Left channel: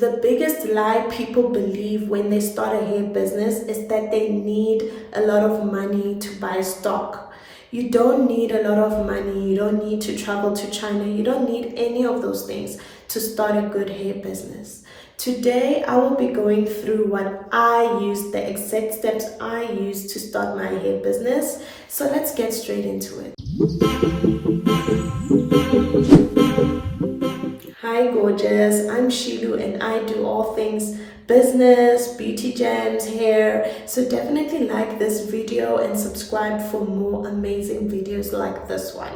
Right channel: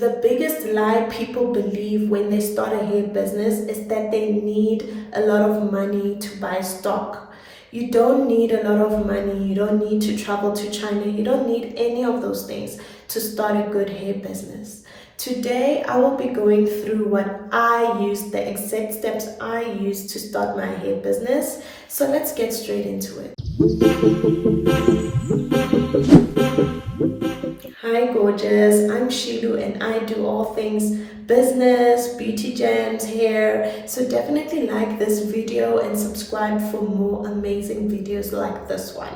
The biggest lie people believe when they start a hair business is that they need a lot of money to buy stock. You don't need a lot of money. You don't need to travel to China. You don't need any of those things to start a good hair business. Today, I will be going through what I use, the exact steps I use to start my hair business. So let's get straight into it. Hi gorgeous, I'm Shilu and I do all things business, beauty gems, hair. So definitely like this video and subscribe for more amazing videos like this one.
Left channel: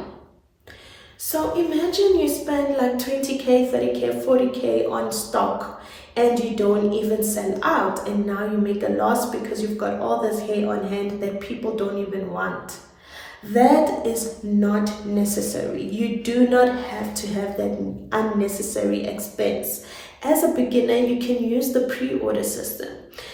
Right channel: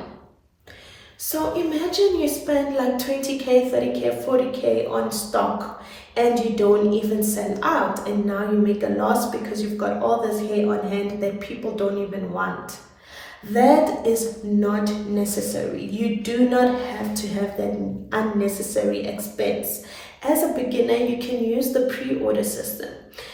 So imagine you spend like 20k, 30k, 40k on stock and you don't even sell out, and now you make a loss because you've got all this hair on hand that people don't even want. That is not necessary. You do not have to have that unnecessary expense. As a beginner, you can use the pre-order system.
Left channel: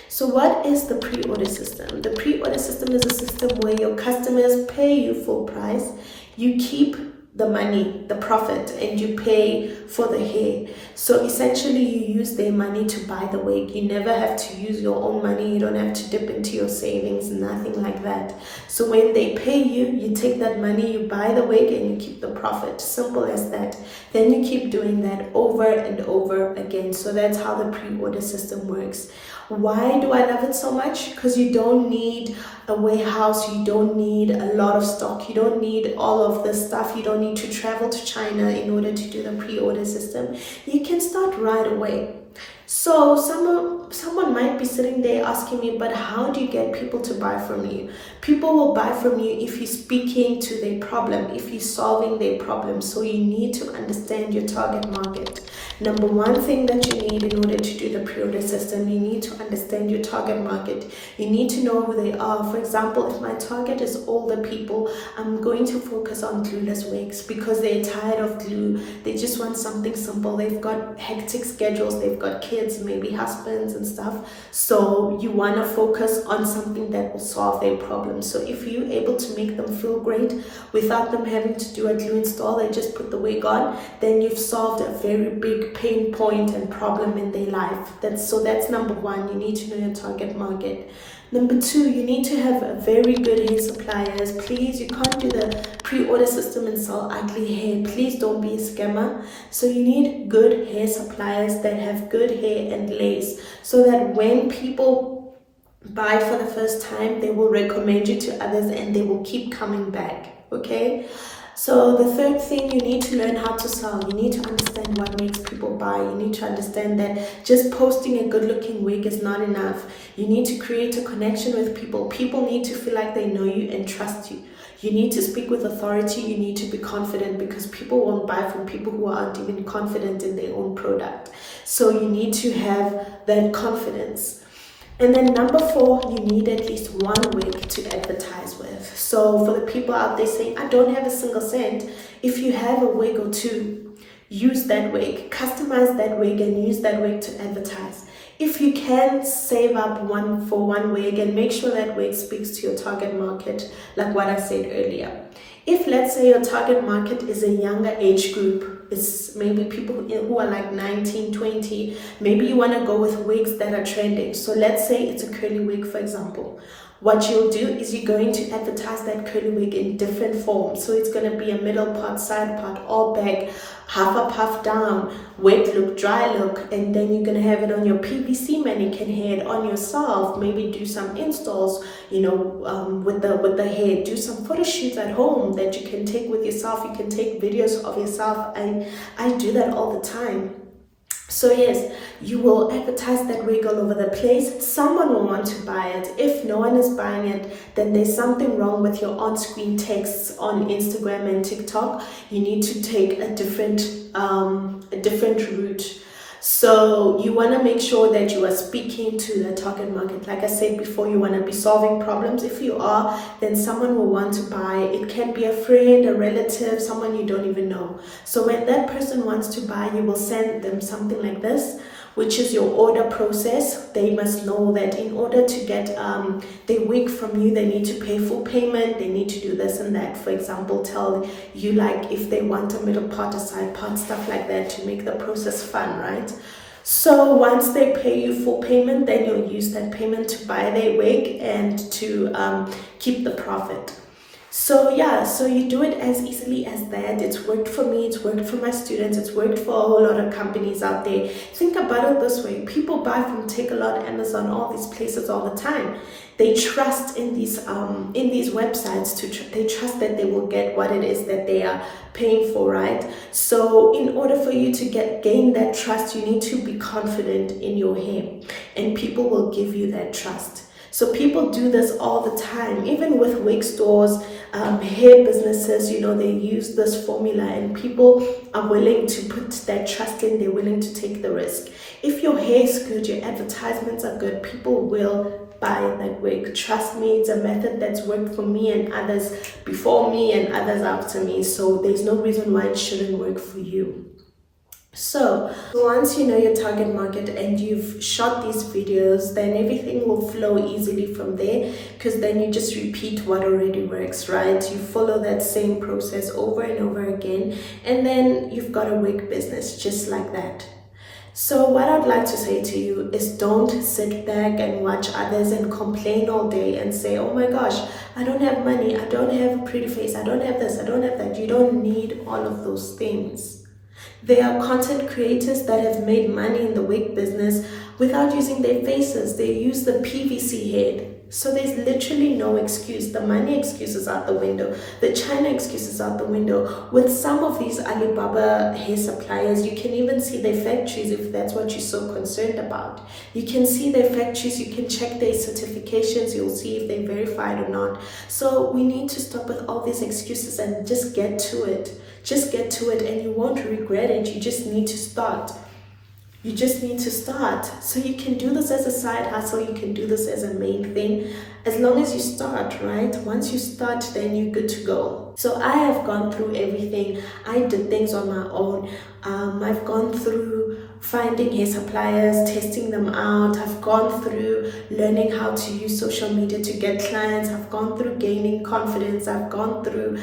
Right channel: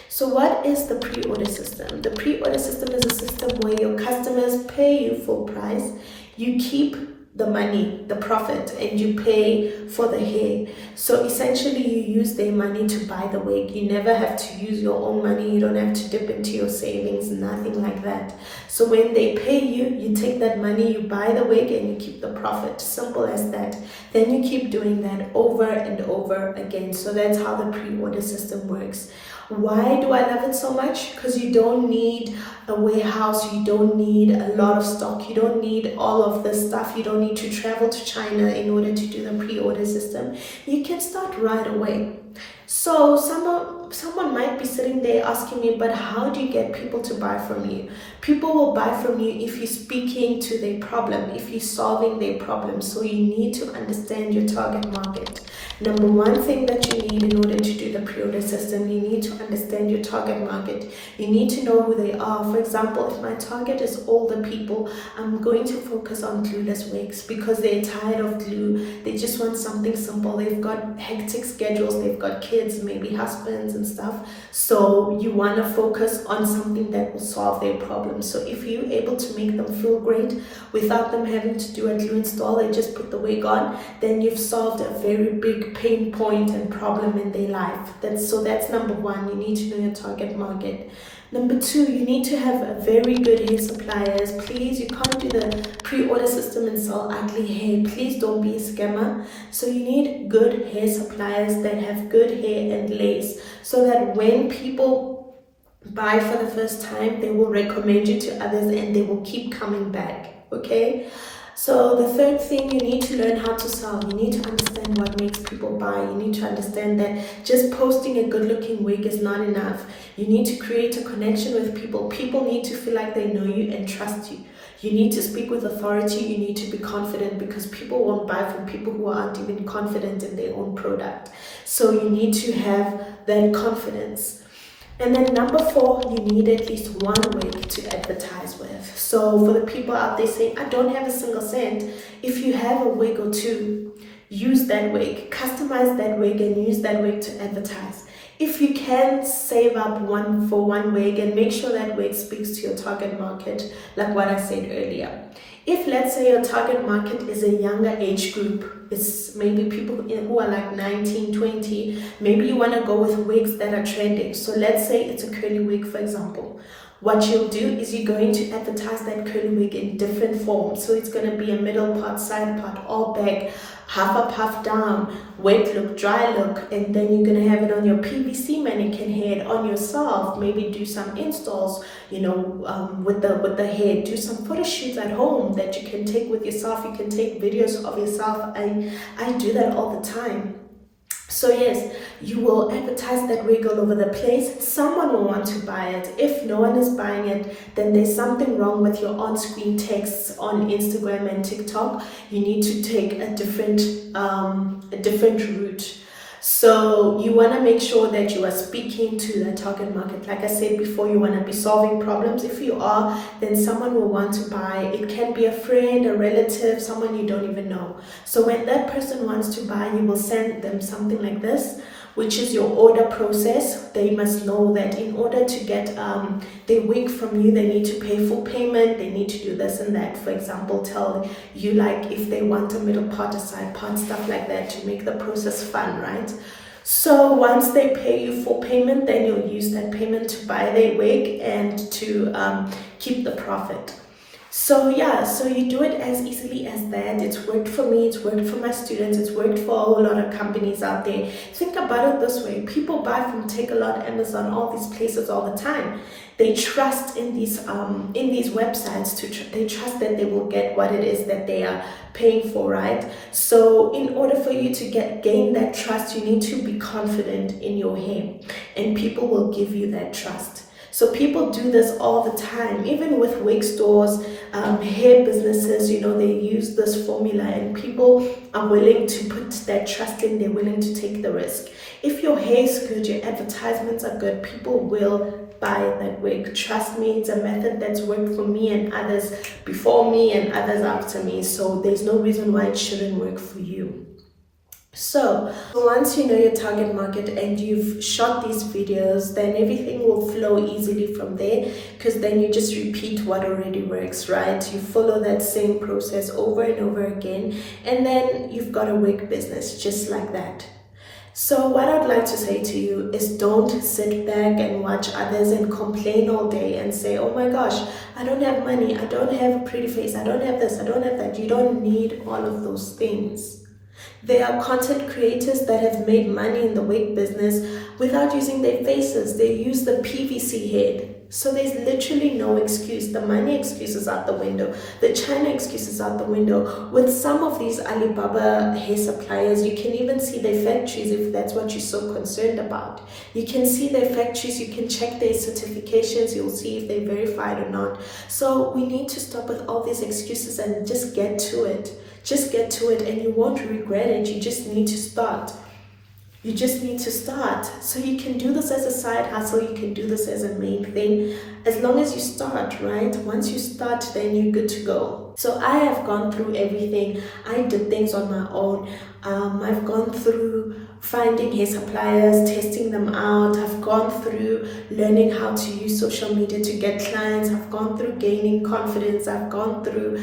So what is the pre-order system? The pre-order system is a system where your customers pay you full price. You keep the money, the profit, and you pay for the hair. So essentially you use their money to buy the wig. You never have to use your own money. You don't have to dip into your savings, nothing like that. So when they pay you, you take that money, you buy the wig, and you keep the profit. Simple as that. Then you keep doing that over and over again. So that's how the pre-order system works. Why do I love it so much? Because you don't need a warehouse, you don't need a lot of stock, you don't need all of this stuff, you don't need to travel to China in order to do the pre-order system. You can start right away. So someone might be sitting there asking me, but how do you get people to buy from you? People will buy from you if you're speaking to their problem, if you're solving their problem. So you need to understand your target market. Number one thing that you need in order to do the pre-order system, you need to understand your target market. You need to know who they are. For example, if my target is older people, I'm going to focus on glueless wigs because they're tired of glue. They just want something simple. They've got hectic schedules. They've got kids, maybe husbands and stuff. So you want to focus on something that will solve their problem. So if you're able to make them feel great without them having to do a glue install and just put the wig on, then you've solved a very big pain point and problem in their life. That's number one. You need to know your target market. Number two, you need to have a very good hair suppliers. Please, you can't do the pre-order system and sell ugly hair. Please don't be a scammer. So you need good hair suppliers that have good hair and lace, so that when people buy for the first time, they will recommend you to others and they will keep coming back. Okay? So the third thing, you need to learn how to sell. You need to understand what makes people buy. You need to understand that just posting a good looking wig is not enough. You need to create a connection with people. People need to feel like they know you and trust you. You need to speak with authority. You need to be confident, because people won't buy from people who aren't even confident in their own product. So you need to have that confidence. And then number four, you need at least one wig to advertise with. So for the people out there saying, I don't have a single cent, if you have a wig or two, use that wig, customize that wig and use that wig to advertise. If you can, save up one wig and make sure that wig speaks to your target market, like what I said earlier. If, let's say, your target market is a younger age group, it's maybe people who are like 19, 20, maybe you want to go with wigs that are trending. So let's say it's a curly wig, for example. What you'll do is you're going to advertise that curly wig in different forms. So it's going to be a middle part, side part, all back, half up, half down, wet look, dry look, and then you're going to have it on your PVC mannequin head, on yourself, maybe do some installs, with the hair, do some photo shoots at home that you can take with yourself. You can take videos of yourself. I do that all the time. So yes, you will advertise that wig all over the place. Someone will want to buy it. If no one is buying it, then there's something wrong with your on-screen texts on Instagram and TikTok. You need to take a different route. So you want to make sure that you are speaking to the target market. Like I said before, you want to be solving problems. If you are, then someone will want to buy. It can be a friend, a relative, someone you don't even know. So when that person wants to buy, you will send them something like this, which is your order process. They must know that in order to get their wig from you, they need to pay full payment, they need to do this and that. For example, tell you like if they want a middle part, a side part, stuff like that, to make the process fun, right? So once they pay you full payment, then you'll use that payment to buy their wig and to keep the profit. So yeah, so you do it as easily as that. It's worked for me, it's worked for my students, it's worked for a whole lot of companies out there. Think about it this way: people buy from Takealot, Amazon, all these places all the time. They trust in these websites they trust that they will get what it is that they are paying for, right? So in order for you to gain that trust, you need to be confident in your hair, and people will give you that trust. So people do this all the time, even with wig stores, hair businesses, they use this formula, and people are willing to put that trust in, they're willing to take the risk. If your hair is good, your advertisements are good, people will buy that wig. Trust me, it's a method that's worked for me and others before me and others after me. So there's no reason why it shouldn't work for you. So once you know your target market and you've shot these videos, then everything will flow easily from there, because then you just repeat what already works, right? You follow that same process over and over again, and then you've got a wig business just like that. So what I'd like to say to you is, don't sit back and watch others and complain all day and say, oh my gosh, I don't have money, I don't have a pretty face, I don't have this, I don't have that. You don't need all of those things. There are content creators that have made money in the wig business without using their faces. They use the PVC head. So there's literally no excuse. The money excuse is out the window. The China excuse is out the window. With some of these Alibaba hair suppliers, you can even see their factories if that's what you're so concerned about. You can see their factories, you can check their certifications, you'll see if they're verified or not. So we need to stop with all these excuses and just get to it. Just get to it, and you won't regret it. You just need to start. You just need to start. So you can do this as a side hustle, you can do this as a main thing, as long as you start, right? Once you start, then you're good to go. So I have gone through everything. I did things on my own. I've gone through finding hair suppliers, testing them out. I've gone through learning how to use social media to get clients. I've gone through gaining confidence. I've gone through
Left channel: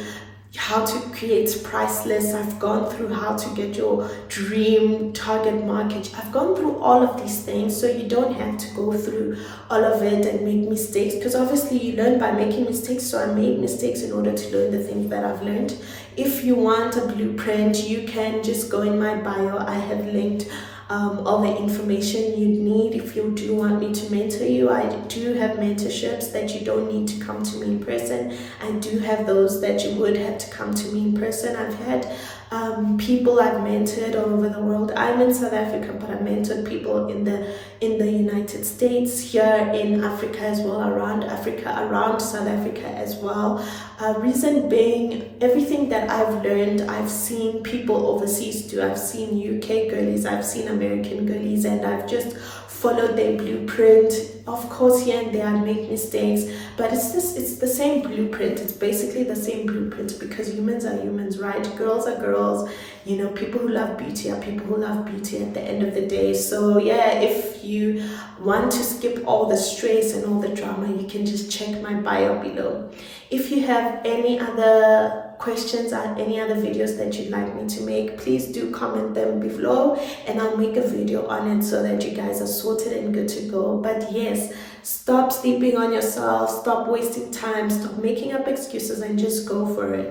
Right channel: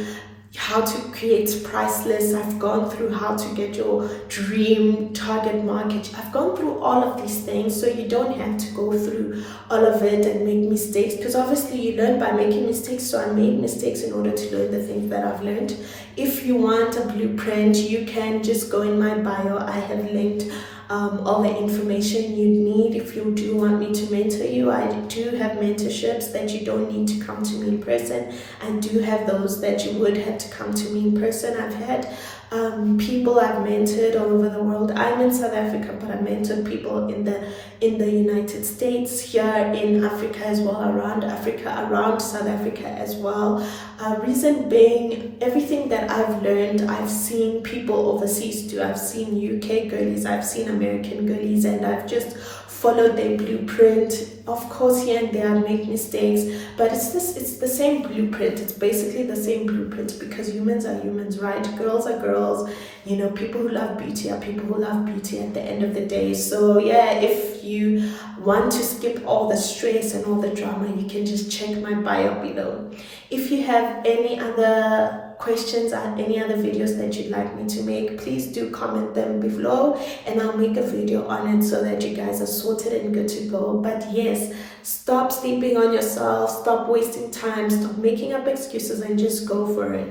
how to create price lists. I've gone through how to get your dream target market. I've gone through all of these things, so you don't have to go through all of it and make mistakes, because obviously you learn by making mistakes. So I made mistakes in order to learn the things that I've learned. If you want a blueprint, you can just go in my bio. I have linked all the information you need. If you do want me to mentor you, I do have mentorships that you don't need to come to me in person. I do have those that you would have to come to me in person. I've had people I've mentored all over the world. I'm in South Africa, but I mentored people in the United States, here in Africa as well, around Africa, around South Africa as well. Reason being, everything that I've learned, I've seen people overseas do. I've seen UK girlies, I've seen American girlies, and I've just followed their blueprint. Of course, here and there I make mistakes, but it's the same blueprint. It's basically the same blueprint, because humans are humans, right? Girls are girls. People who love beauty are people who love beauty at the end of the day. So yeah, if you want to skip all the stress and all the drama, you can just check my bio below. If you have any other questions or any other videos that you'd like me to make, please do comment them below, and I'll make a video on it so that you guys are sorted and good to go. But yes, stop sleeping on yourself, stop wasting time, stop making up excuses, and just go for it.